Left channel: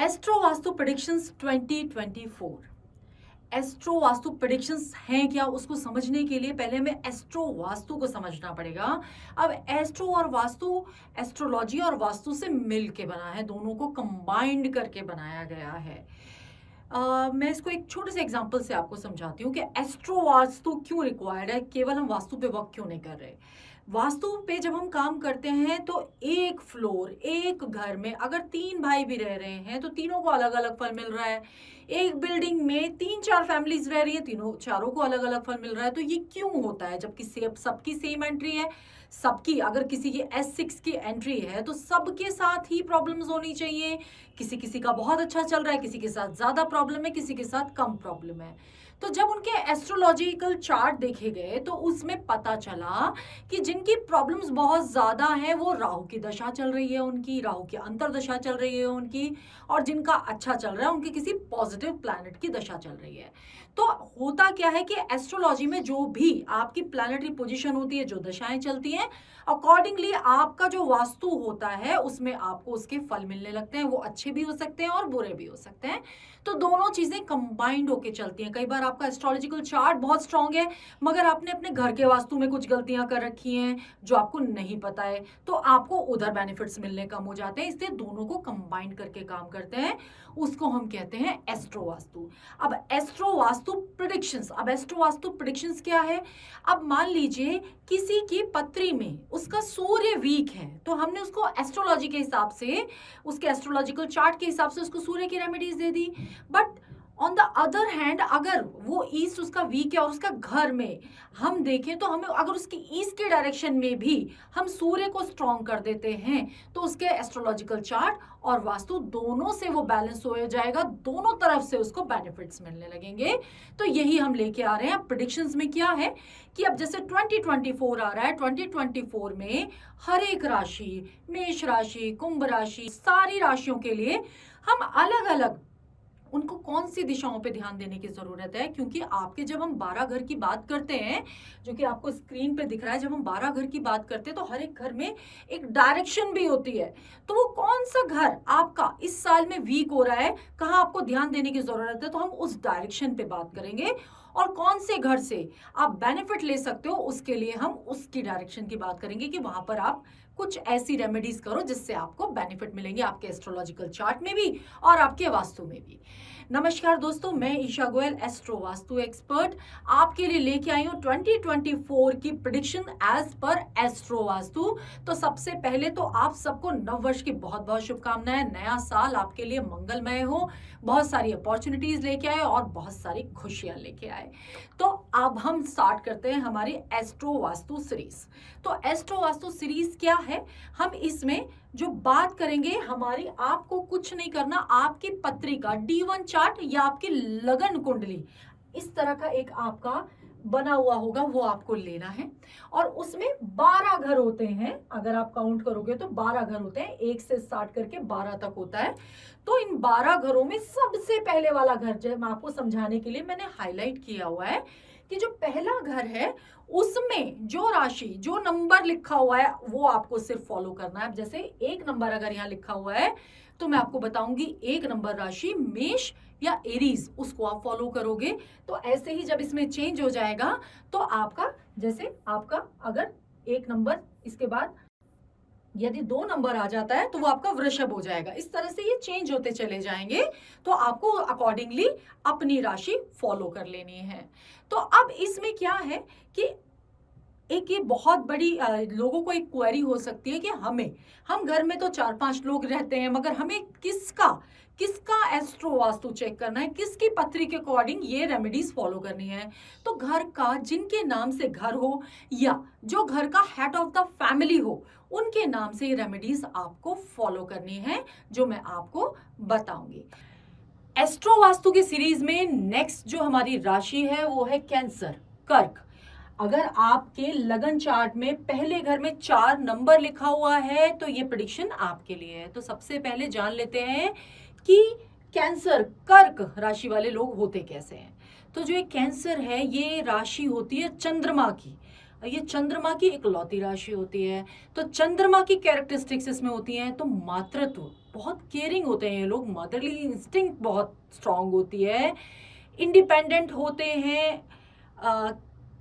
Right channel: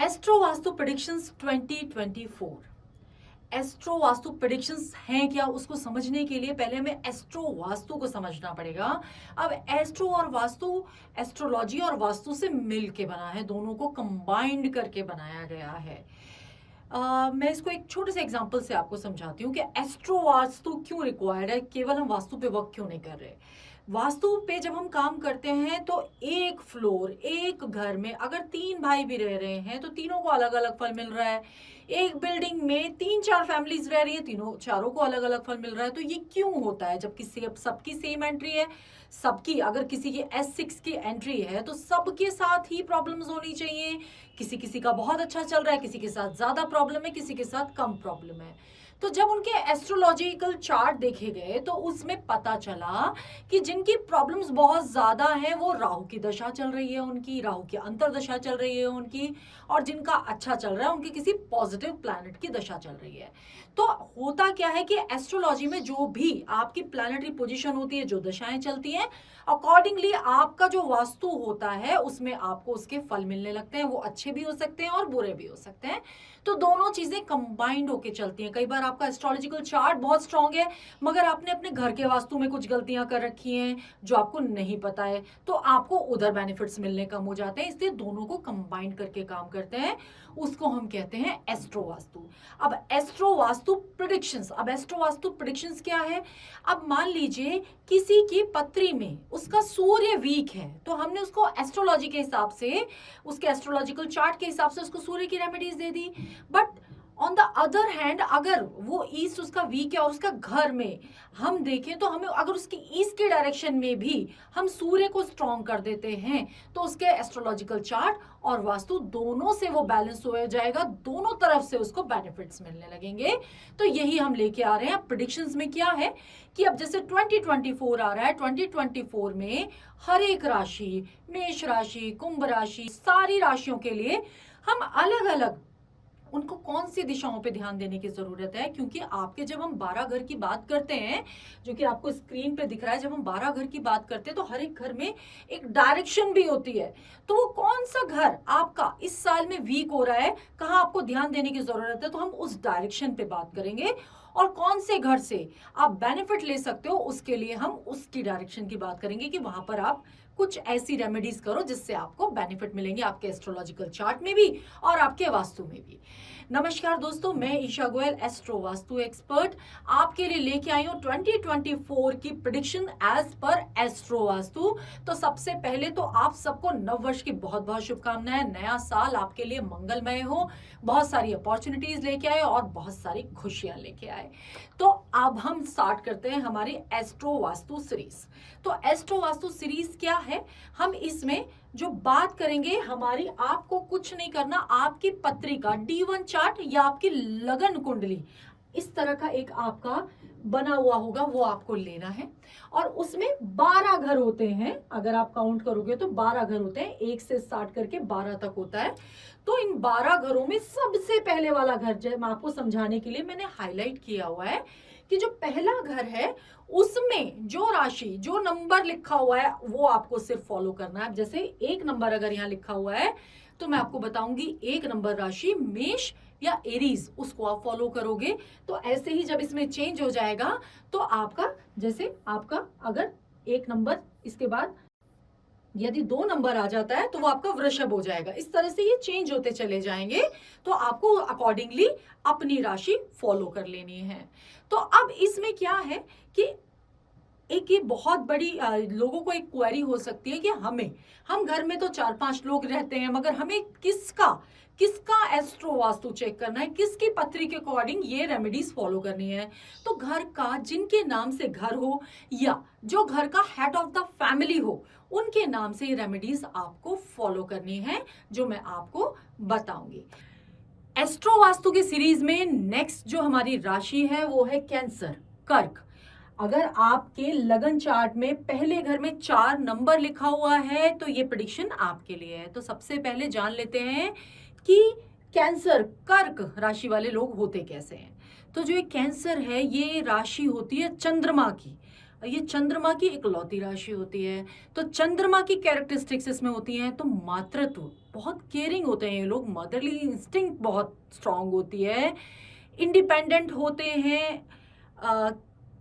Astro vastu predictions 2024। Astro vastu predictions हैं क्या, उसको समझने के लिए पहले हमें एस्ट्रो वास्तु को समझना पड़ेगा। अब एस्ट्रो और वास्तु, एस्ट्रोलॉजी और वास्तु से मिल के बना है, दोनों को कंबाइंड करके बनाया गया है। मैं इसको एक छोटे से एग्जांपल से आपको समझाती हूँ कि एस्ट्रो वास्तु क्यों रिक्वायर्ड है, केवल हम वास्तु पे वर्क क्यों नहीं कर रहे। वास्तु पे जब हम काम करते हैं तो एक फ्लोर, एक घर में अगर 3 भाई भी रह रहे हैं तो तीनों को अलग अलग फल मिल रहा है। एक बिल्डिंग में 3-4 फैमिलीज रह रही है, तीनों चारों को अलग अलग फल मिल रहा है। तो ये क्यों होता है, जबकि सबकी सेम एंट्री है, सबकी अगर किसी की S6 की एंट्री है तो सबके साथ ही प्रॉब्लम्स होनी चाहिए। किसी किसी का बहुत अच्छा चल रहा है, किसी के साथ ज्यादा प्रॉब्लम है, किसी के साथ कम प्रॉब्लम है। तो जब उनके एस्ट्रोलॉजिकल चार्ट देखे गए तो उसमें पता चला कि जिनकी प्रॉब्लम्स बहुत ज्यादा हैं वो राहु की दशा चल रही है, उनकी राहु की अंतर्दशा चल रही है उनकी, और जिनका अच्छा चल रहा है उनकी किसी पॉजिटिव प्लैनेट की दशा चल रही है। तो होता क्या है कि एस्ट्रोलॉजी में जो भी आपकी प्लैनेटरी पोजीशन होती है, जो दशाएं चलती हैं, अकॉर्डिंगली आपका जो वास्तु होता है उसमें आपको उसके फल मिलने लगते हैं। वो अच्छे भी हो सकते हैं और बुरे भी हो सकते हैं। तो दोनों चीजें कंबाइंड होके चलती हैं। कई बार आपका एस्ट्रोलॉजिकल चार्ट बहुत स्ट्रांग है मगर आपने अपने घर के वास्तु में कुछ गलतियां कर रखी हैं जो आपको नहीं पता है, तो आपको उधर बेनिफिट्स मिलने कम हो जाते हैं। इसलिए दोनों को कंबाइंड करके काम करते हैं, उसको हम कहते हैं एस्ट्रो वास्तु। अब एस्ट्रो वास्तु प्रेडिक्शंस, अब एस्ट्रो वास्तु प्रेडिक्शंस क्या है। अब मान लीजिए किसी की पत्री में उसका सूर्य वीक है तो हमने उसको एस्ट्रोलॉजी के हिसाब से, उसके एस्ट्रोलॉजिकल चार्ट के हिसाब से उसको सूर्य की remedies they the. But on the other hand अगर वो ईस्ट उसका वीक है और उसका घर में हम देखें तो हमें अगर उसकी ईस्ट के डायरेक्शन में भी हम सूर्य को स्ट्रॉन्ग कर देते हैं तो उसके एस्ट्रोलॉजिकल चार्ट और वास्तु दोनों से वो बैलेंस हो जाएगा, दोनों तरफ से उसको बेनिफिट्स मिलने लगेंगे। तो यही हम लेके आ रहे हैं। अब प्रेडिक्शंस में क्या है कि अब जैसे 2024 आ रहा है, 2024 में हर एक राशि, मेष राशि, कुंभ राशि, सारी राशियों के लिए हम अलग अलग उनको कौन सी दिशाओं पे ध्यान देने की जरूरत है। क्योंकि आपके जब हम 12 घर की बात करते हैं, जो कि आपको स्क्रीन पे दिख रहा है, जब हम 12 घर की बात करते हैं तो हर एक घर में एक डायरेक्शन भी होती है। तो वो कौन सा घर आपका इस साल में वीक हो रहा है, कहाँ आपको ध्यान देने की जरूरत है, तो हम उस डायरेक्शन पे बात करेंगे। और कौन से घर से आप बेनिफिट ले सकते हो उसके लिए हम उसकी डायरेक्शन की बात करेंगे कि वहां पर आप कुछ ऐसी रेमेडीज करो जिससे आपको बेनिफिट मिलेंगे, आपके एस्ट्रोलॉजिकल चार्ट में भी और आपके वास्तु में भी। नमस्कार दोस्तों, मैं ईशा गोयल, एस्ट्रो वास्तु एक्सपर्ट, आपके लिए लेके आई हूँ 2024 की प्रेडिक्शन एज पर एस्ट्रो वास्तु। तो सबसे पहले तो आप सबको नव वर्ष की बहुत बहुत शुभकामनाएं। नया साल आपके लिए मंगलमय हो, बहुत सारी अपॉर्चुनिटीज लेके आए और बहुत सारी खुशियां लेके आए। तो अब हम स्टार्ट करते हैं हमारी एस्ट्रो वास्तु सीरीज। तो एस्ट्रो वास्तु सीरीज क्या है, हम इसमें जो बात करेंगे हमारी, आपको कुछ नहीं करना, आपकी पत्रिका D1 चार्ट या आपकी लगन कुंडली इस तरह का एक आपका बना हुआ होगा, वो आपको लेना है। और उसमें 12 घर होते हैं, अगर आप काउंट करोगे तो 12 घर होते हैं, 1 से स्टार्ट करके 12 तक होता है। तो इन 12 घरों में सबसे पहले वाला घर, जो मैं आपको समझाने के लिए मैंने हाईलाइट किया हुआ है कि जो पहला घर है उसमें जो राशि, जो नंबर लिखा हुआ है वो आपको सिर्फ फॉलो करना है। जैसे 1 नंबर अगर यहाँ लिखा हुआ है तो मैं आपको बताऊंगी 1 नंबर राशि मेष या एरीज, उसको आप फॉलो करोगे। तो ऐसे ही जब इसमें चेंज हो जाएगा तो आपका, जैसे आपका अगर 1 नंबर, इसके बाद यदि 2 नंबर आ जाता है तो वो आपका वृषभ हो जाएगा। इस तरह से ये चेंज होते चले जाएंगे, तो आपको अकॉर्डिंगली अपनी राशि फॉलो कर लेनी है। तो अब इसमें क्या है कि एक ये बहुत बड़ी लोगों को एक क्वेरी हो सकती है कि हम घर में तो 4-5 लोग रहते हैं मगर हमें किसका एस्ट्रो वास्तु चेक करना है, किसकी पत्री के अकॉर्डिंग ये रेमेडीज फॉलो करनी है। तो घर का, जिनके नाम से घर हो या जो घर का हेड ऑफ द फैमिली हो, उनके नाम से ये रेमेडीज आपको फॉलो करनी है, जो मैं आपको बताऊंगी। एस्ट्रो वास्तु की सीरीज में नेक्स्ट जो हमारी राशि है वो है कैंसर, कर्क। अगर आपके लगन चार्ट में पहले घर में 4 नंबर लिखा हुआ है तो ये प्रेडिक्शन आपके लिए है। तो सबसे पहले जान लेते हैं कि कैंसर, कर्क राशि वाले लोग होते कैसे हैं। तो जो ये कैंसर है ये राशि होती है चंद्रमा की, ये चंद्रमा की इकलौती राशि होती है। तो चंद्रमा की कैरेक्टरिस्टिक्स इसमें होती हैं, तो मातृत्व, बहुत केयरिंग होते हैं ये लोग, मदरली इंस्टिंक्ट बहुत स्ट्रांग होती है, इंडिपेंडेंट होते हैं,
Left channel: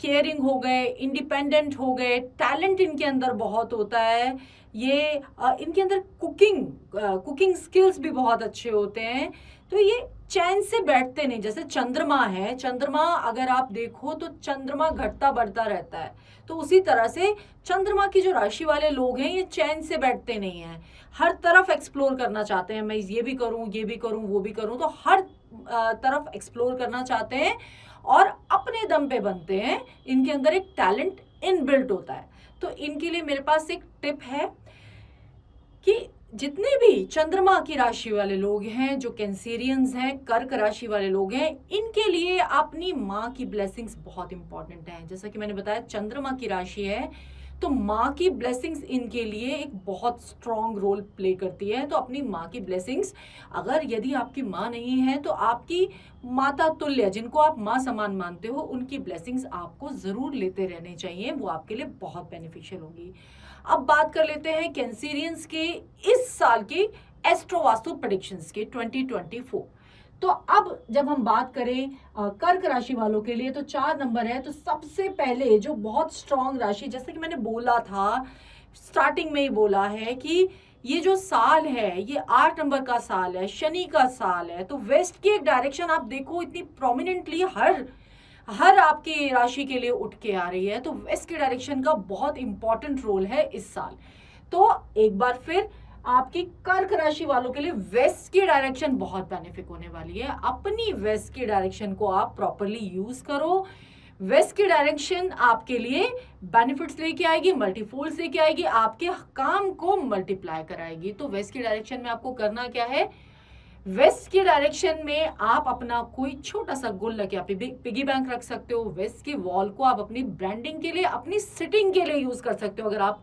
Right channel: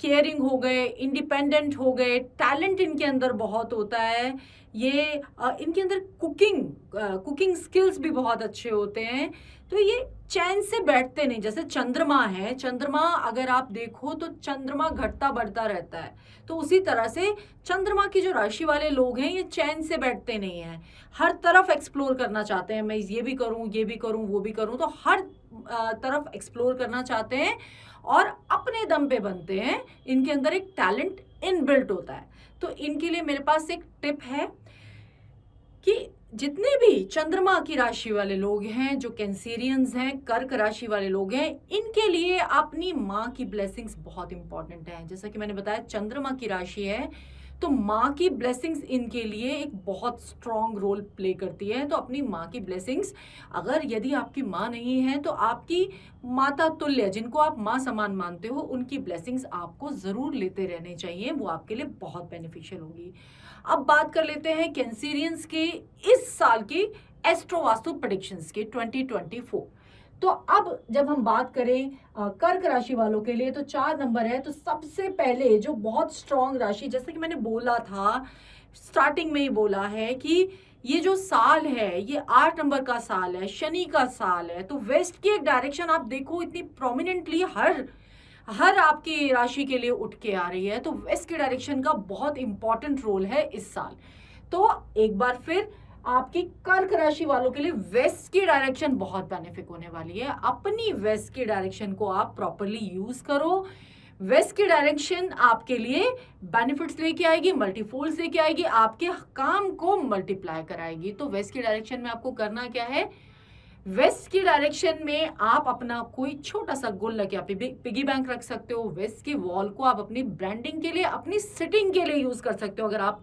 केयरिंग हो गए, इंडिपेंडेंट हो गए, टैलेंट इनके अंदर बहुत होता है। ये इनके अंदर कुकिंग स्किल्स भी बहुत अच्छे होते हैं। तो ये चैन से बैठते नहीं, जैसे चंद्रमा है, चंद्रमा अगर आप देखो तो चंद्रमा घटता बढ़ता रहता है, तो उसी तरह से चंद्रमा की जो राशि वाले लोग हैं ये चैन से बैठते नहीं हैं, हर तरफ एक्सप्लोर करना चाहते हैं, मैं ये भी करूं, ये भी करूं, वो भी करूं, तो हर तरफ एक्सप्लोर करना चाहते हैं और अपने दम पे बनते हैं। इनके अंदर एक टैलेंट इनबिल्ट होता है। तो इनके लिए मेरे पास एक टिप है कि जितने भी चंद्रमा की राशि वाले लोग हैं, जो कैंसेरियंस हैं, कर्क राशि वाले लोग हैं, इनके लिए अपनी माँ की ब्लेसिंग्स बहुत इंपॉर्टेंट है। जैसा कि मैंने बताया चंद्रमा की राशि है, तो माँ की ब्लेसिंग्स इनके लिए एक बहुत स्ट्रॉन्ग रोल प्ले करती है। तो अपनी माँ की ब्लेसिंग्स, अगर यदि आपकी माँ नहीं है तो आपकी माता तुल्य, जिनको आप माँ समान मानते हो, उनकी ब्लेसिंग्स आपको जरूर लेते रहने चाहिए, वो आपके लिए बहुत बेनिफिशियल होगी। अब बात कर लेते हैं कैंसेरियंस के इस साल की एस्ट्रो वास्तु प्रेडिक्शंस के 2024। तो अब जब हम बात करें कर्क राशि वालों के लिए, तो 4 नंबर है। तो सबसे पहले जो बहुत स्ट्रॉन्ग राशि, जैसे कि मैंने बोला था, स्टार्टिंग में ही बोला है कि ये जो साल है ये 8 नंबर का साल है, शनि का साल है। तो वेस्ट की एक डायरेक्शन आप देखो इतनी प्रोमिनेंटली हर आपकी राशि के लिए उठ के आ रही है। तो वेस्ट की डायरेक्शन का बहुत इंपॉर्टेंट रोल है इस साल। तो एक बार फिर आपकी कर्क राशि वालों के लिए वेस्ट की डायरेक्शन बहुत बेनिफिक होने वाली है। अपनी वेस्ट की डायरेक्शन को आप प्रॉपरली यूज करो। वेस्ट की डायरेक्शन आपके लिए बेनिफिट्स लेके आएगी, मल्टीफोल्ड्स लेके आएगी, आपके काम को मल्टीप्लाई कराएगी। तो वेस्ट की डायरेक्शन में आपको करना क्या है, वेस्ट की डायरेक्शन में आप अपना कोई छोटा सा गुल्लक या पिगी बैंक रख सकते हो। वेस्ट की वॉल को आप अपनी ब्रांडिंग के लिए, अपनी सिटिंग के लिए यूज कर सकते हो अगर आप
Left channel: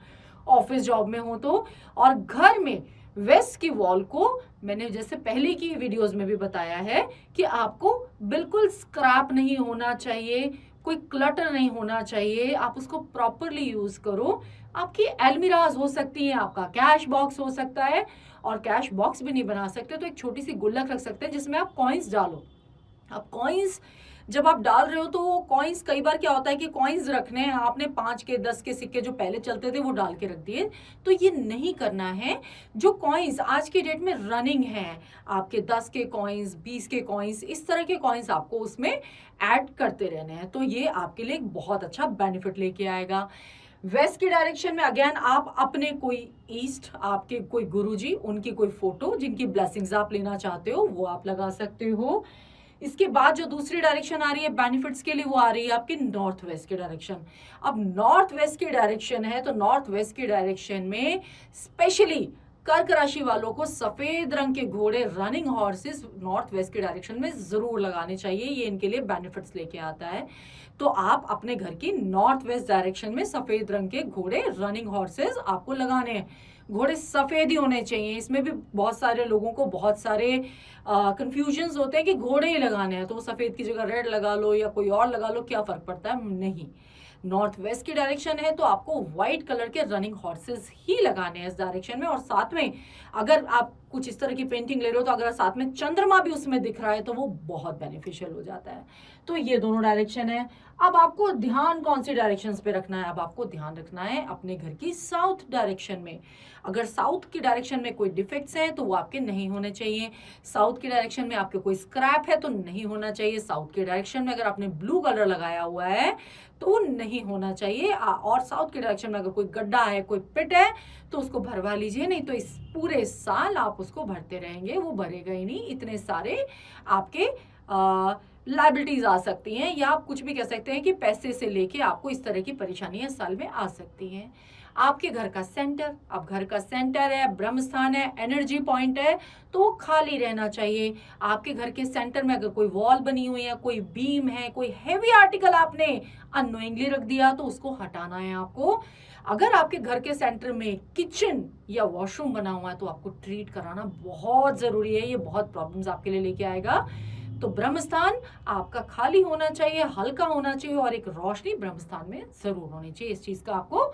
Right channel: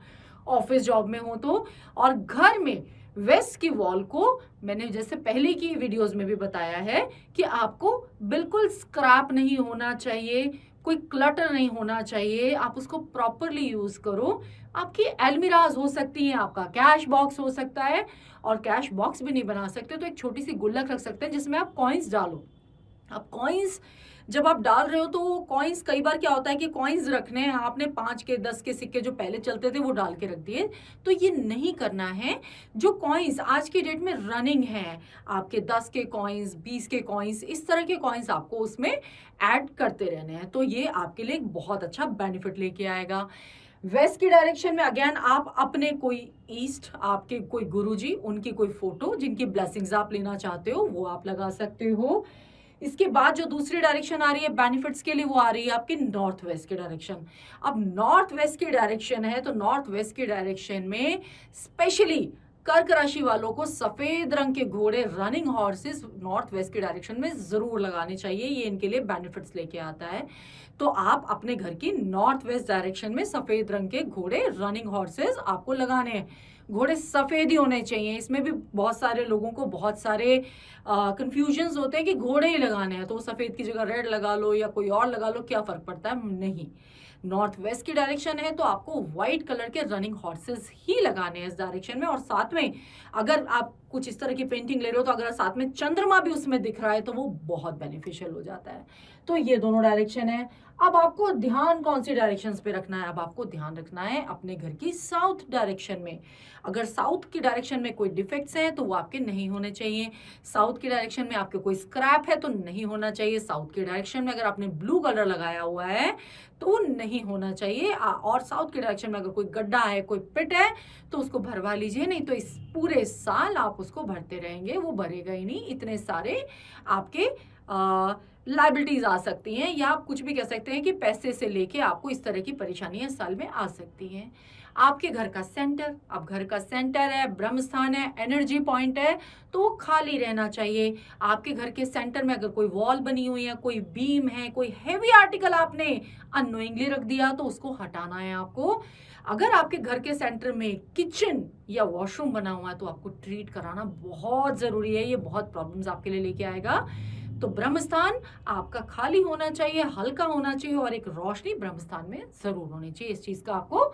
ऑफिस जॉब में हो तो। और घर में वेस्ट की वॉल को मैंने जैसे पहले की वीडियोस में भी बताया है कि आपको बिल्कुल स्क्रैप नहीं होना चाहिए, कोई क्लटर नहीं होना चाहिए, आप उसको प्रॉपरली यूज करो। आपकी एलमिराज हो सकती हैं, आपका कैश बॉक्स हो सकता है, और कैश बॉक्स भी नहीं बना सकते तो एक छोटी सी गुल्लक रख सकते हैं जिसमें आप कॉइन्स डालो। अब कॉइन्स जब आप डाल रहे हो तो कॉइन्स, कई बार क्या होता है कि कॉइन्स रखने हैं आपने, 5 के 10 के सिक्के जो पहले चलते थे वो डाल के रख दिए, तो ये नहीं करना है। जो कॉइन्स आज की डेट में रनिंग है, आपके 10 के कॉइन्स, 20 के कॉइन्स, इस तरह के कॉइन्स आपको उसमें ऐड करते रहने हैं। तो ये आपके लिए एक बहुत अच्छा बेनिफिट लेके आएगा। वेस्ट की डायरेक्शन में अगेन आप अपने कोई ईस्ट, आपके कोई गुरुजी, उनकी कोई फोटो जिनकी ब्लेसिंग्स आप लेना चाहते हो वो आप लगा सकते हो। इसके बाद जो दूसरी डायरेक्शन आ रही है बेनिफिट्स के लिए, वो आ रही है आपकी नॉर्थ वेस्ट की डायरेक्शन। अब नॉर्थ वेस्ट की डायरेक्शन है, तो नॉर्थ वेस्ट की डायरेक्शन में स्पेशली कर्क राशि वालों को सफेद रंग के घोड़े, रनिंग हॉर्सेस नॉर्थ वेस्ट की डायरेक्शन में जरूर लगाने चाहिए, ये इनके लिए बेनिफिट्स लेके आता है। तो आप अपने घर की नॉर्थ वेस्ट डायरेक्शन में सफेद रंग के घोड़े, रनिंग हॉर्सेस आपको लगाने हैं। घोड़े सफेद ही होने चाहिए। इसमें भी बहुत सारे लोगों को बहुत सारे कंफ्यूजन्स होते हैं कि घोड़े ही लगाने हैं, तो सफेद की जगह रेड लगा लो या कोई और लगा लो, क्या फर्क पड़ता है। नहीं, नॉर्थ वेस्ट की डायरेक्शन है तो आपको व्हाइट कलर के रनिंग हॉर्सेस ही लगाने हैं इस डायरेक्शन में। और साथ में अगर आप कुछ इस तरह की पेंटिंग ले रहे हो तो अगर साथ में चंद्रमा भी उसमें दिख रहा है तो वो बहुत बेनिफिशियल हो जाता है। तो ये दोनों डायरेक्शन है। अब आपको ध्यान कौन सी डायरेक्शंस पे रखना है, अब आपको ध्यान रखना है अपने घर की साउथ डायरेक्शन में। अगर साउथ की डायरेक्शन में कोई डिफेक्ट्स हैं तो वो आपके नहीं होने चाहिए। साउथ की डायरेक्शन में आपके कोई स्क्रैप है तो नहीं होना चाहिए। साउथ की डायरेक्शन में अगर आपने ब्लू कलर लगाया हुआ है तो वो नहीं होना चाहिए। और साउथ की डायरेक्शन में अगर कोई गड्ढा है, कोई पिट है, तो उसको भरवा लीजिए, नहीं तो इस पूरे साल आप उसको भरते रहेंगे, वो भरेगा ही नहीं। इतने सारे आपके लाइबिलिटीज आ सकती हैं, या आप कुछ भी कह सकते हैं कि पैसे से लेके आपको इस तरह की परेशानियां साल में आ सकती हैं। आपके घर का सेंटर, अब घर का सेंटर है, ब्रह्म स्थान है, एनर्जी पॉइंट है, तो वो खाली रहना चाहिए। आपके घर के सेंटर में अगर कोई वॉल बनी हुई है, कोई बीम है, कोई हैवी आर्टिकल आपने अननोइंगली रख दिया तो उसको हटाना है आपको। अगर आपके घर के सेंटर में किचन या वॉशरूम बना हुआ है तो आपको ट्रीट कराना बहुत जरूरी है, ये बहुत प्रॉब्लम्स आपके लिए लेके आएगा। तो ब्रह्म स्थान आपका खाली होना चाहिए, हल्का होना चाहिए और एक रोशनी ब्रह्म स्थान में जरूर होनी चाहिए। इस चीज का आपको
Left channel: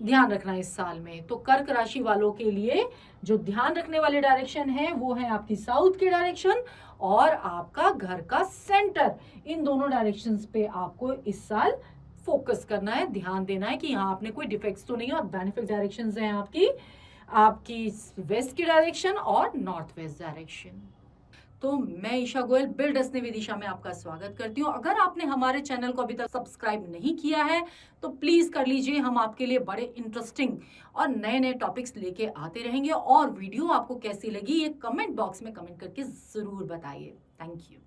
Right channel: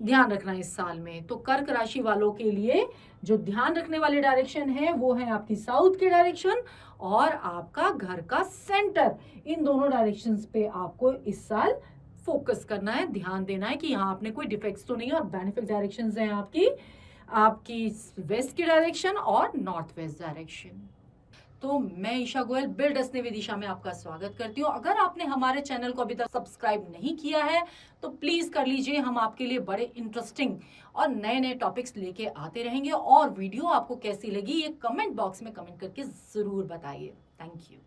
ध्यान रखना है इस साल में। तो कर्क राशि वालों के लिए जो ध्यान रखने वाले डायरेक्शन है वो है आपकी साउथ के डायरेक्शन और आपका घर का सेंटर। इन दोनों डायरेक्शंस पे आपको इस साल फोकस करना है, ध्यान देना है कि यहाँ आपने कोई डिफेक्ट्स तो नहीं है। और बेनिफिक डायरेक्शंस हैं आपकी आपकी वेस्ट की डायरेक्शन और नॉर्थ वेस्ट डायरेक्शन। तो मैं ईशा गोयल बिल्ड असने विदिशा में आपका स्वागत करती हूँ। अगर आपने हमारे चैनल को अभी तक सब्सक्राइब नहीं किया है तो प्लीज कर लीजिए। हम आपके लिए बड़े इंटरेस्टिंग और नए नए टॉपिक्स लेके आते रहेंगे। और वीडियो आपको कैसी लगी ये कमेंट बॉक्स में कमेंट करके जरूर बताइए। Thank you.